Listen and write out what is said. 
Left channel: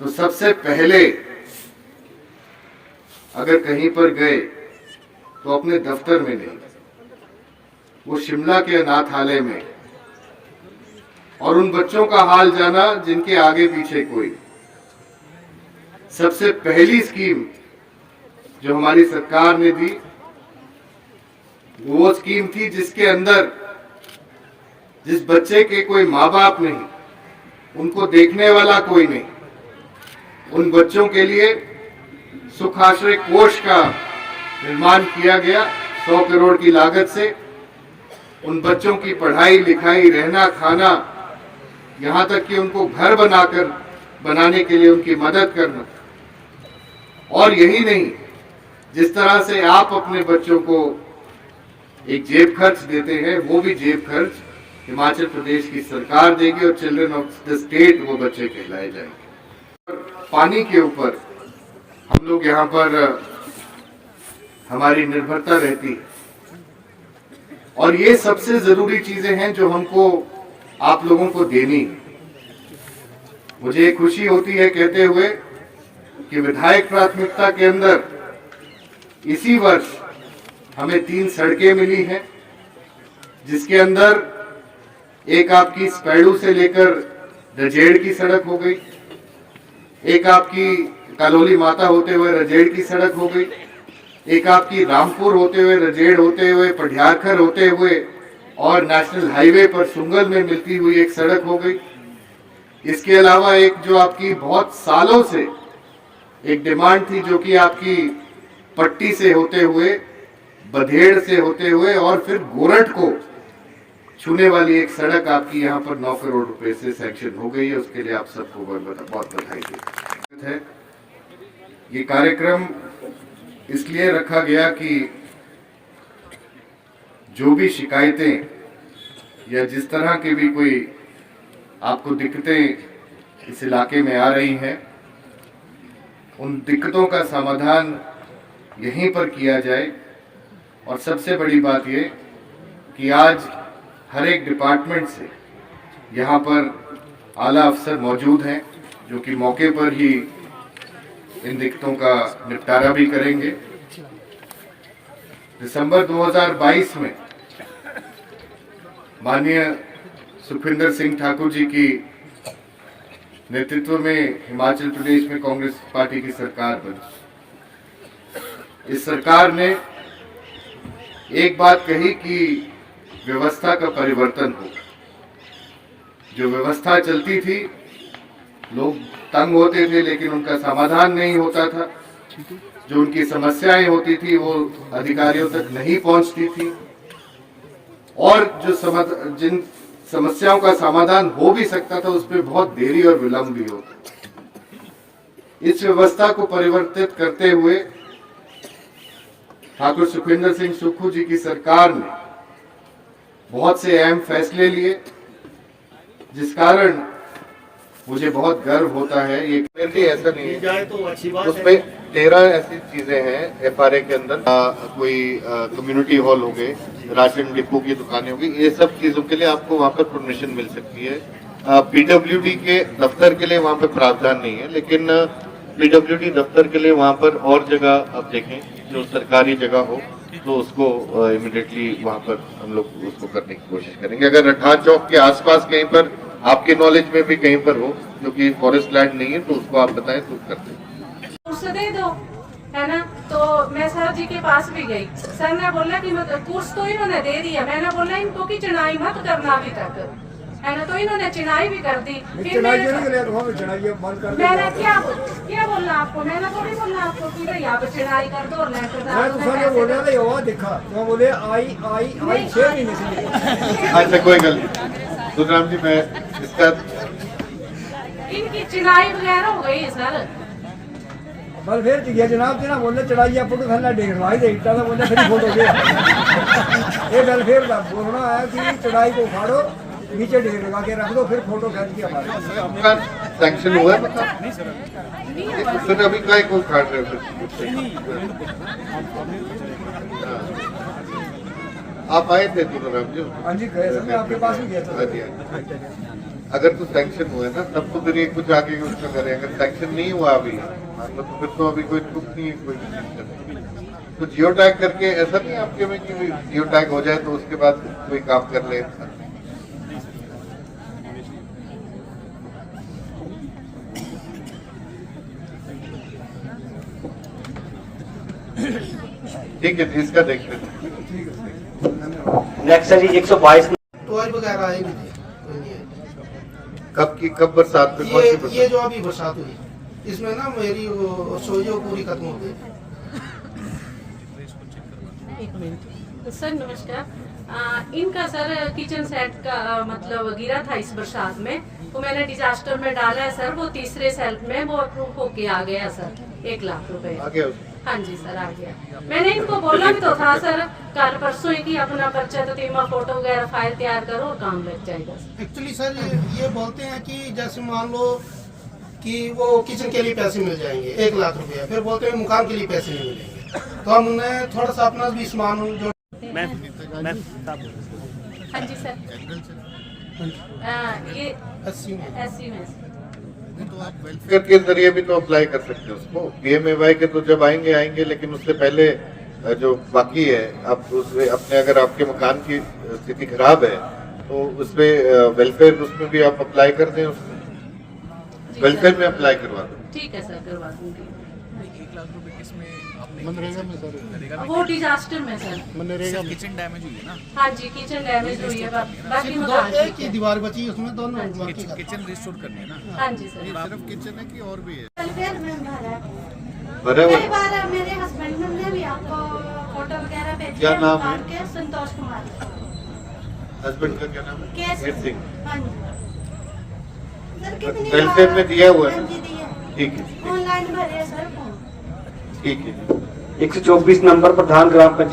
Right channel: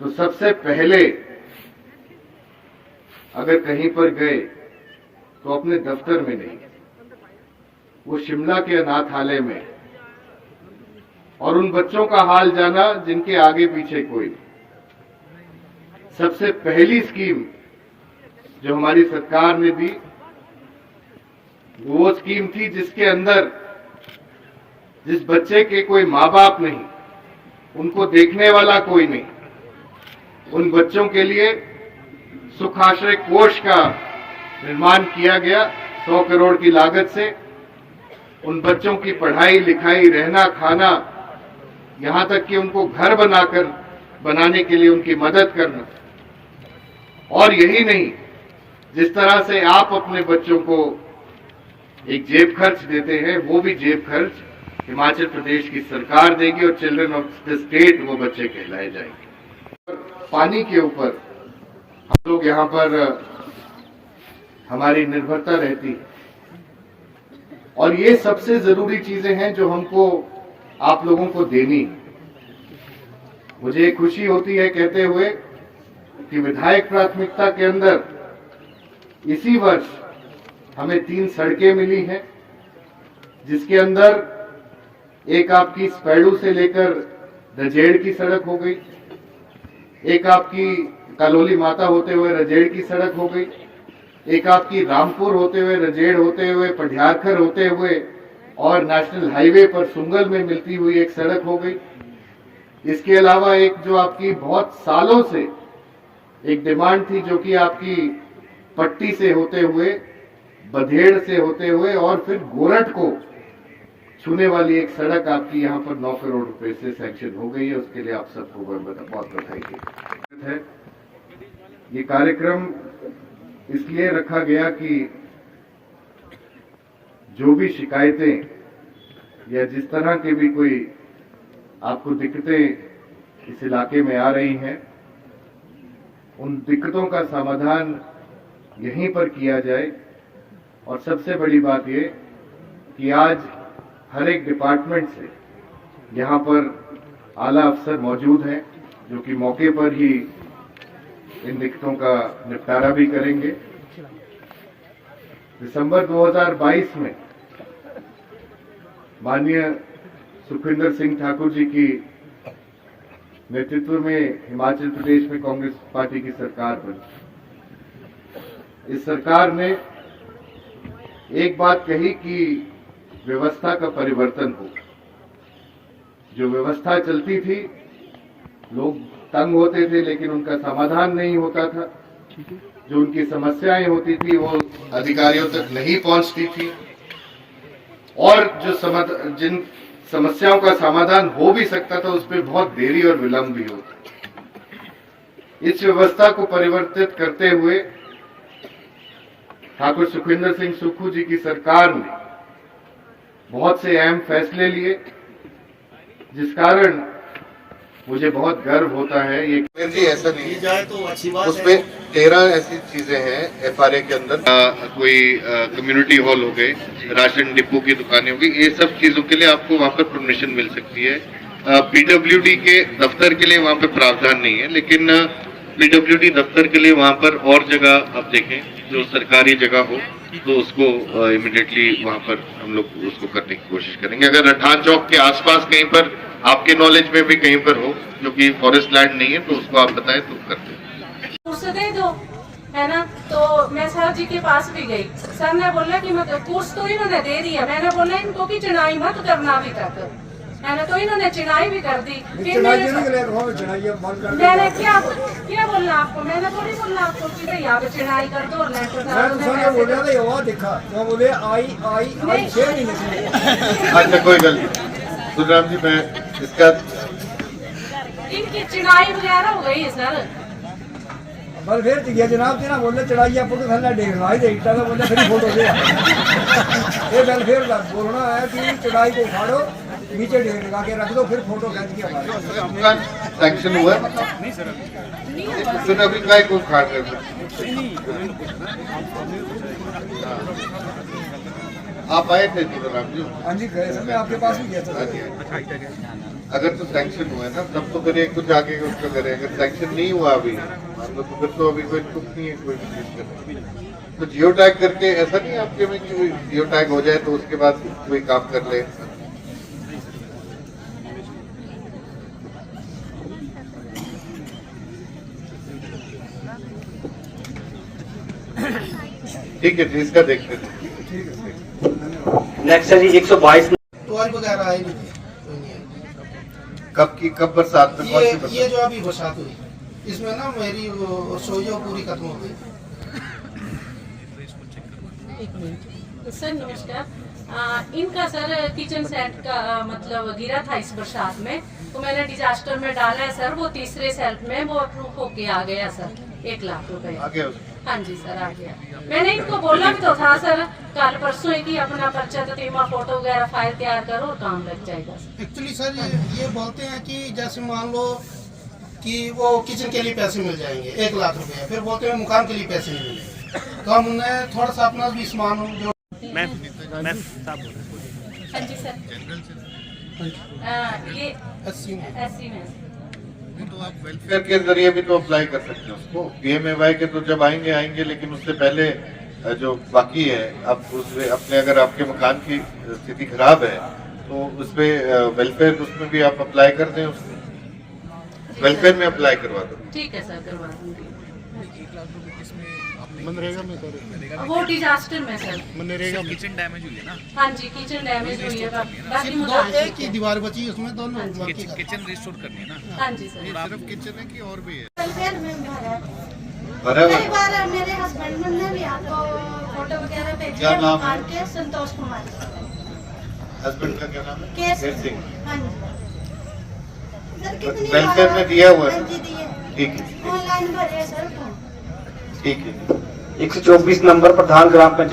तो सबसे पहले अगर कहीं पर गए तो अपने दफ्तर में नहीं, वो शिमला के अनाथालय में, और उन बच्चों का हाल जाना जिनके आगे पीछे कोई। सबसे पहली स्कीम जो हमारी सरकार ने दी वो स्कीम थी जिसके अंदर जिस बच्चे के कोई माँ बाप नहीं, उनको देखने वाला कोई नहीं, उन बच्चों के लिए सुखाश्रय कोष का निर्माण किया गया 100 करोड़ की लागत से। उन बच्चों की पढ़ाई लिखाई, रहना खाना, यहाँ तक कि उनको घर बनाने के लिए उनकी मदद करना। और यही नहीं, जिस तरह से आप अपने बच्चों को एक जेब खर्च देते हैं, वो भी जेब खर्च हिमाचल प्रदेश की सरकार देगी और चिल्ड्रन ऑफ द स्टेट वो बच्चे कहलाए जाएंगे। पानी के ऊपर हम लोग यहाँ पर हमारी निर्भरता रहती है, और ये सबसे जरूरी चीजें हैं जो हमको आप लोगों को देनी। मुझे खुशी होती है कहते हुए कि विधायक प्राथमिकता के अंदर इसी वर्ष हमें 3 सड़कें मिली हैं, जिसके अंदर एक आपकी स्पैडू से लेकर रजेड़ की सड़क हो गई, एक आपकी कालोली माता होते हुए रजेड़ की सड़क हो गई, एक आपकी रामपुर होते हुए रजेड़ होते हुए पढ़ियारखर होते हुए और नेशनल हाईवे पर सुंगल में मिलती हुई एक सड़क हो गई। इसके अलावा एक जो आपकी बहुत सालों से एक डिमांड थी, जो कि आपकी पट्टी से होते हुए, बधेड़ से होते हुए और फिर गोरठ को छूने वाली एक सड़क आपकी यहाँ पर 9 करोड़ रुपए से सैंक्शन हो गई है। उसके लिए आप सबको बहुत बधाई देते हैं। ये कार्यक्रम इसलिए रखा गया कि जो भी शिकायतें या जिस तरह के भी कोई आपको दिक्कतें इस इलाके में आ रही हैं, उन दिक्कतों का समाधान यहीं पर किया जाए। और सबसे बड़ी बात ये कि आज हर एक डिपार्टमेंट से यहाँ पर आला अफसर मौजूद हैं, जो कि मौके पर ही इन दिक्कतों का निपटारा भी करेंगे। दिसंबर 2022 में माननीय सुखविंदर सिंह ठाकुर जी की नेतृत्व में हिमाचल प्रदेश में कांग्रेस पार्टी की सरकार बनी। इस सरकार ने एक बात कही कि व्यवस्था का परिवर्तन हो। जो व्यवस्था चलती थी, लोग तंग होते थे लेकिन उनका समाधान नहीं होता था। जो उनकी समस्याएं होती थी वो अधिकारियों तक नहीं पहुंचती थी, और जो जिन समस्याओं का समाधान हो भी सकता था उसमें बहुत देरी और विलंब भी होता। इस व्यवस्था को परिवर्तित करते हुए ठाकुर सुखविंदर सिंह सुक्खू जी की सरकार ने बहुत से अहम फैसले लिए, जिस कारण मुझे बहुत गर्व होता है। ये ऐसा नहीं जाए तो अच्छी बात है। उसमें 13 ऐसी चीजें हैं FRA के अंदर, कोई कम्युनिटी हॉल हो गए, राशन डिपो की दुकानें होगी, ये सब चीजों के लिए आपको वहाँ पर परमिशन मिल सकती है। PWD के दफ्तर के लिए वहाँ पे प्रावधान नहीं है, लेकिन पीडब्ल्यूडी दफ्तर के लिए वहाँ पर और जगह आप देखें जो सरकारी जगह हो तो उसको इमिडिएटली वहाँ पर हम लोग उसको करने की कोशिश करेंगे। अगर रठान चौक के आसपास कहीं पर आपके नॉलेज में भी कहीं पर हो जो कि फॉरेस्ट लैंड नहीं है तो उसको आप बताएं तो करते हैं। उससे दे दो, है ना। तो मैं सर जी के पास भी गई, सर ने बोला कि मतलब कोर्स तो इन्होंने दे दिया। मैंने बोला इनको की चिनाई मत करना अभी तक, है ना। तो इन्होंने चिनाई भी कर दी। फिर मैंने क्या बोलना आपको, मैंने थोड़ी बोलना आपको कि भाई आप चिनाई कर दो अच्छा कोई गल सुखराम जी, मैं इसका इनकी चिनाई वगैरह हो गई है सर। बल फिर दिया जनाब ना बोले चढ़ाई फोटो थल्ला डेढ़ लाई दे इट्टा का बोले फिर फोटो दे ये बल फिर बोलना है कि चढ़ाई को उखाड़ो नीचे डेढ़ लगा के रख दो फिर फोटो खींच के हटा सैंक्शन हुआ फिर अभी काय को काट रहे हो। आप आए थे सुखराम जी? हाँ जी गए मैं आपके पास ही गया था। अगर तो सैंक्शन हुआ ना तब तो फिर एक कुछ आगे उसका करें। अगर सैंक्शन नहीं हुआ अभी तो फिर तो अभी कोई तुक नहीं है कोई। तो जियो टैग करके ऐसा नहीं आपके में कि जियो टैग हो जाए तो उसके बाद कोई काम कर ले। ठीक है इसका देखते थे। नेक्स्ट है जी 122 टॉय वगैरह आए नहीं थे। कब बरसात में कौन सी बरसात? ये जो अभी बरसात हुई इसमें ना मेरी सोइयो पूरी खत्म हो गई। सर नमस्कार। इनका सर किचन सेट का मतलब गिरा था इस बरसात में, तो मैंने डिजास्टर में डाला है सर। वो तीसरे सेल्फ में वो अप्रूव होके आ गया सर 1 लाख रुपए। हाँ जी सर आ गया। मैंने इनको बोला भी तो था सर कल परसों ही कि अपना पर्चा ततीमा फोटो वगैरह फाइल तैयार करो और काम लग जाएगा। एक्चुअली सर ये बोलते हैं कि जैसे मान लो कि वो किचन के लिए पैसे मिल जाएंगे 1 लाख रुपया, फिर बोलते हैं मकान के लिए पैसे नहीं मिलेंगे। तो हमने थोड़ा सा अपना भी सामान जो हाँ जी सर ये 80 में तो आप वेलफेयर के जरिए भी तो अप्लाई कर सकते हैं उसको। PMAY के तो जब आएंगे लेकिन उससे पहले जो बाकी है आप उसमें अपने अगर आपके मकान की स्थिति खराब है तो उसमें वेलफेयर उसमें भी आप अप्लाई कर दें। उसमें वेलफेयर में अप्लाई करवा दो। ठीक है सर करवा दूंगी। 1 लाख रुपए किसमें मनरेगा में सर? वो डिजास्टर में सर मनरेगा किचन डैमेज हुई है ना? हाँ जी किचन डैमेज हुई है बाकी दो मकान एक ही दीवार बची उसमें दोनों किचन रिस्टोर करनी है ना? हाँ जी सर। ये सिर्फ किचन है कि और भी है? वेलफेयर में भरा है। बराबर। कई बार मेरे हस्बैंड ने भी आपको फोटो वगैरह भेजी क्या है नाम मकान है? के संतोष कुमार हस्बैंड का क्या नाम है? केस सिंह। हाँ जी सर कितनी वेलफेयर में दिया हुआ है? हाँ जी दिए ठीक है ऑनलाइन भरे सर फॉर्म। ठीक है। 124 नंबर प्रधान ग्राम पंचायत